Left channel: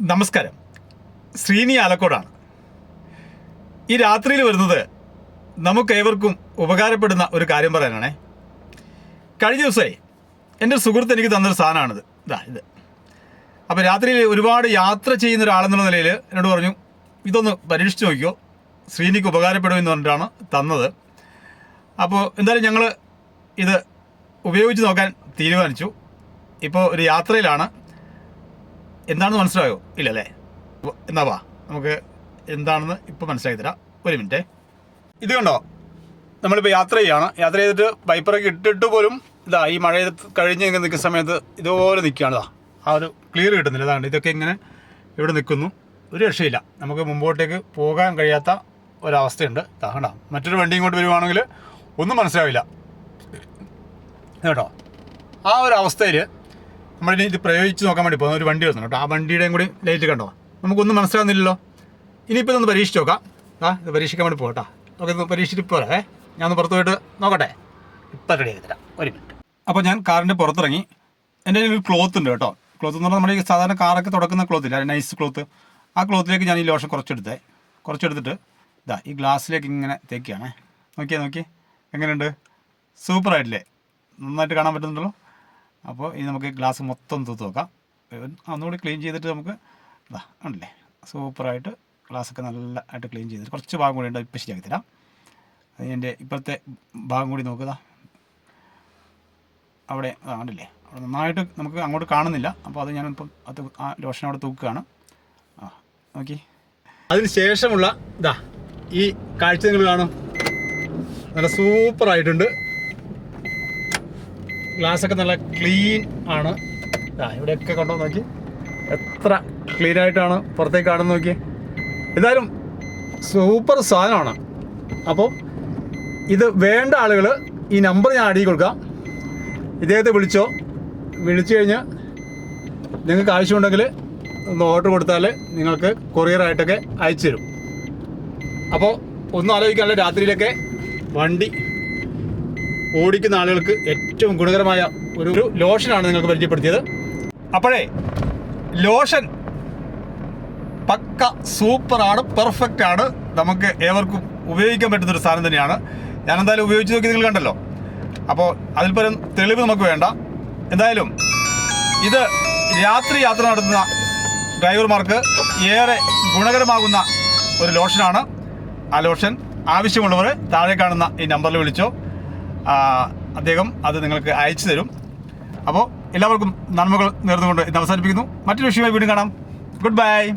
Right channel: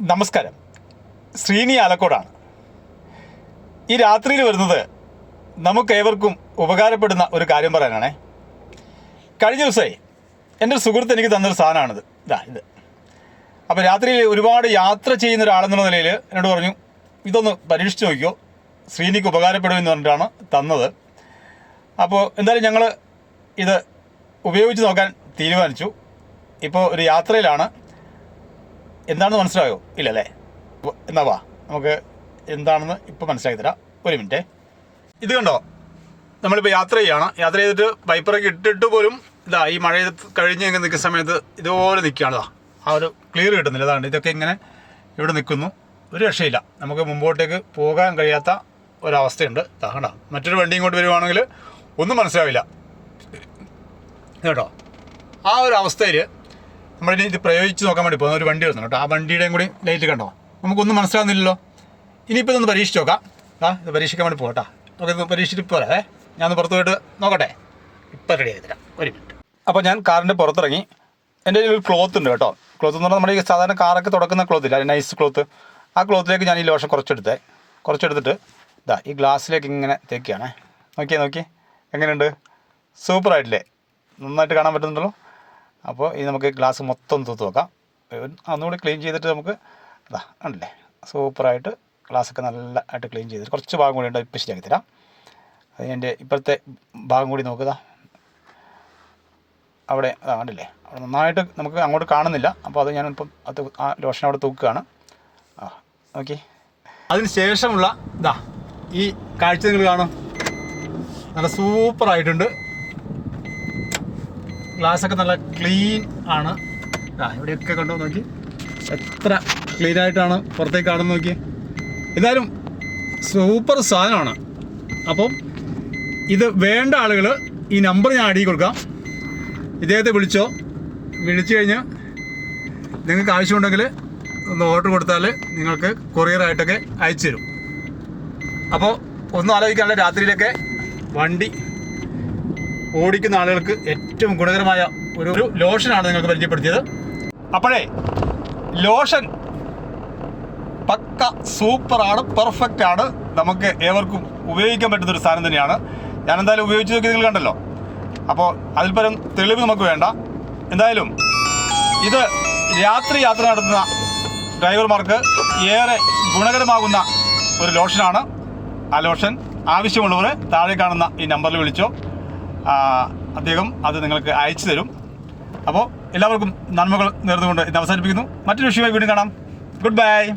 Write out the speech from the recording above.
നമസ്കാരം. ശ്രീനി ആലക്കോടാണ്. ഈ രാത്രിയിൽ വരുന്നത് നമുക്കേവർക്കും ഉപകാരപ്പെടുന്ന ഒരു കാര്യം പറയാനാണേ. കഴിഞ്ഞ ദിവസമേ എന്റെ ഒരു സുഹൃത്ത് എനിക്ക് തന്നൊരു സാധനമാണിത്. ഇതാ ഇത്. അപ്പോൾ രാത്രിയിൽ ഒരുപാട് യാത്ര ചെയ്യുന്ന ഒരാളെന്നുള്ള നിലയിൽ എന്നോട് പറഞ്ഞു ഇതൊന്ന് പരീക്ഷിച്ച് നോക്കിയോ ശ്രീനിക്ക് ഉപകാരപ്പെടുമെന്ന് പറഞ്ഞിട്ടാണ് തന്നത്. അപ്പോൾ എന്തായാലും ഞങ്ങൾ ഇത് ഉപയോഗിച്ച് നോക്കാൻ തീരുമാനിച്ചു. ഇപ്പോൾ ഒരു യാത്രയിലാണ്. എന്താണെന്ന് മനസ്സിലായോ? ഇല്ലല്ലേ? എന്നാ വാ. നമുക്ക് എന്താണെന്ന് ഇപ്പോൾ മനസ്സിലാക്കി തരാം. ഒരു മിനിറ്റ്. ഇത് കണ്ടോ? നമ്മളിപ്പോൾ യാത്ര ചെയ്യാണ്. യാത്ര ചെയ്തിട്ട് വൈപ്പറൊക്കെ ഇട്ടിട്ട് പോലും ഇതാ ഈ മഴ കഴിഞ്ഞ് ഇങ്ങനെ നിൽക്കുന്ന സമയത്ത് ഇതുപോലെ നിൽക്കുകയാണ് ഇതാ. ആ ഒരു ക്ലിയർ കിട്ടുന്നില്ല. അതാണ് ഇതൊക്കെ ഇങ്ങനെ ഇവിടെ നിൽക്കുന്നു. ഒരു രക്ഷയില്ല. നമുക്ക് മുമ്പോട്ടേക്ക് പോകാൻ കഴിയാത്ത ഒരവസ്ഥയുണ്ട്. ഇതാ മറ്റൊരു വണ്ടി ഇങ്ങോട്ട് വരുവാണെങ്കിൽ ഒന്നും മനസ്സിലാവില്ല. കേട്ടോ? ആ ഒരു അവസ്ഥയിൽ നമ്മളിനി ഇത് പ്രയോഗിച്ച് നോക്കാൻ വേണ്ടി പോകുന്ന ഒരു വണ്ടി വരുന്നുണ്ട് കേട്ടോ. ആ വണ്ടിയുടെയും കൂടി ലൈറ്റ് കണ്ടോ? നമുക്കൊന്നും മനസ്സിലാവുന്നില്ലല്ലോ. ഇനിയിപ്പോൾ ഇതൊന്ന് പരീക്ഷിച്ച് നോക്കാം. ആ ഇത് പരീക്ഷിക്കാൻ വേണ്ടി പോകട്ടോ. ഇത് പരീക്ഷിച്ചിട്ട് പോരാ ഞാനൊന്ന് പുറത്ത് പോയിട്ട് നോക്കട്ടെ. ഇപ്പം റെഡി ആയി തരാം. ഒരു മിനിറ്റ് അപ്പോൾ ഞാൻ കാറിന്റെ പുറത്തിറങ്ങി. എന്റെ കയ്യിൽ ഒരു ക്ലോത്ത് ഉണ്ട് കേട്ടോ. ക്ലോത്ത് എന്ന് പറഞ്ഞാൽ നമ്മുടെ ഈ സാധാരണ കാറൊക്കെ തുടക്കുന്ന ക്ലോത്ത് ഇല്ല? നൈസ് ക്ലോത്ത് ആ ക്ലോത്തിലേക്ക് ഞാൻ ഈ ലോഷൻ കുറച്ചെടുത്തേ. കുറച്ചെടുത്തിട്ട് ഇതാ ഈ ഗ്ലാസ്സിലേക്ക് ഇങ്ങനെ തേക്കുകയാണേ നോക്കിയേ നോക്കി എങ്ങനെയുണ്ട്? സൂപ്പറായിട്ടില്ലേ നന്നായിട്ട് കാണാൻ പറ്റുന്നുണ്ടല്ലോ. അപ്പോൾ ഇത് നമുക്ക് ഗ്ലാസ് മൊത്തം തൂത്ത് നോക്കാം. ഒന്നുകൂടി ക്ലീൻ ചെയ്തിട്ട് നമുക്ക് ഇതാ ഉണ്ടല്ലേ സൂപ്പറായിട്ട് ഗ്ലാസ്സൊക്കെ നല്ല ആയിട്ട് ക്ലീൻ ചെയ്തിട്ട് കുറച്ച് ഭാഗം കൂടി ഉണ്ട് ഇപ്പം ശരിയാക്കി തരാം. എന്റെ ഇപ്പോഴത്തെ ഭാഗം കൂടി നോക്കുക അവിടെ അതാ കണ്ടില്ലേ? അവിടെ നന്നായിട്ട് നമുക്ക് അങ്ങോട്ട് കാണുന്നില്ല. അപ്പോൾ അത് ഞാനിപ്പം അത് ആ ലോഷൻ അവിടെ തൂക്കുകയാണ്. ആ ഓക്കെ അതിന് ശേഷമുള്ള ഇതാ ഈ കാഴ്ച നിങ്ങൾ കാണും. നല്ല സൂപ്പറായിട്ടുണ്ട് ഗ്ലാസ് ഒക്കെ നല്ല ക്ലീൻ ആണ്. ആ ഇവിടെയൊക്കെ കണ്ടോ നോക്കി. എത്ര ക്ലീൻ ആയിട്ടാണ് പുറത്തേക്ക് കാണുന്ന നോക്കി. എന്തായാലും സൂപ്പർ സാധനമാണ്. അപ്പം ഇത് വേണ്ട ആളുകൾ ഈ നമ്പർ ഞാൻ അടിയിൽ കൊടുക്കാം. ഇദ്ദേഹത്തെ വിളിച്ചോ? വിളിച്ചു കഴിഞ്ഞ് നിങ്ങൾക്ക് ആവശ്യമുണ്ടെങ്കിൽ ഒന്ന് ഓർഡർ കൊടുത്താൽ നിങ്ങൾക്ക് കൊറിയറായിട്ടൊക്കെ അയച്ചു തരും അപ്പോൾ ഒന്നും ആലോചിക്കാനുള്ള രാത്രിയിലൊക്കെ വണ്ടി ഓടിക്കുന്ന ആളുകൾക്ക് ഏറ്റവും ഗുണകരമായ ഒരു ഒരു ലോഷനാണ് നിങ്ങൾക്ക് പരിചയപ്പെടുത്തിയത്. അപ്പോഴേ ലോഷൻ പക്ക സൂപ്പറാണ് പെർഫെക്റ്റ് ആണ്. നമുക്ക് ഏവർക്കും ഉപയോഗിക്കാൻ പറ്റുന്ന ഒരു സാധനം തന്നെയാണ്. ഞാൻ എന്തായാലും ഉപയോഗിച്ച് നോക്കി നിങ്ങൾ കണ്ടല്ലോ. അപ്പോൾ അതിൽ പരം തെളിവ് നമുക്ക് വേണ്ട. എന്തായാലും ഇത് രാത്രി യാത്ര നടത്തുന്ന ഡ്രൈവർമാർക്ക് ഏറെ ഗുണകരമാകുന്ന ഒരു ലോഷനാണ്. ആ ലോഷൻ ആവശ്യമുള്ളവർ താഴെ കാണുന്ന ഈ നമ്പറിൽ വിളിച്ചോ. അദ്ദേഹം അത് നിങ്ങൾക്ക് അയച്ചു തരും. അപ്പോൾ എല്ലാവർക്കും നന്മകൾ നേർന്നുകൊണ്ട് ഇന്ന് അവസാനിപ്പിക്കുന്നു. മറ്റൊരു വിഷയമായി വീണ്ടും കാണാം. Good bye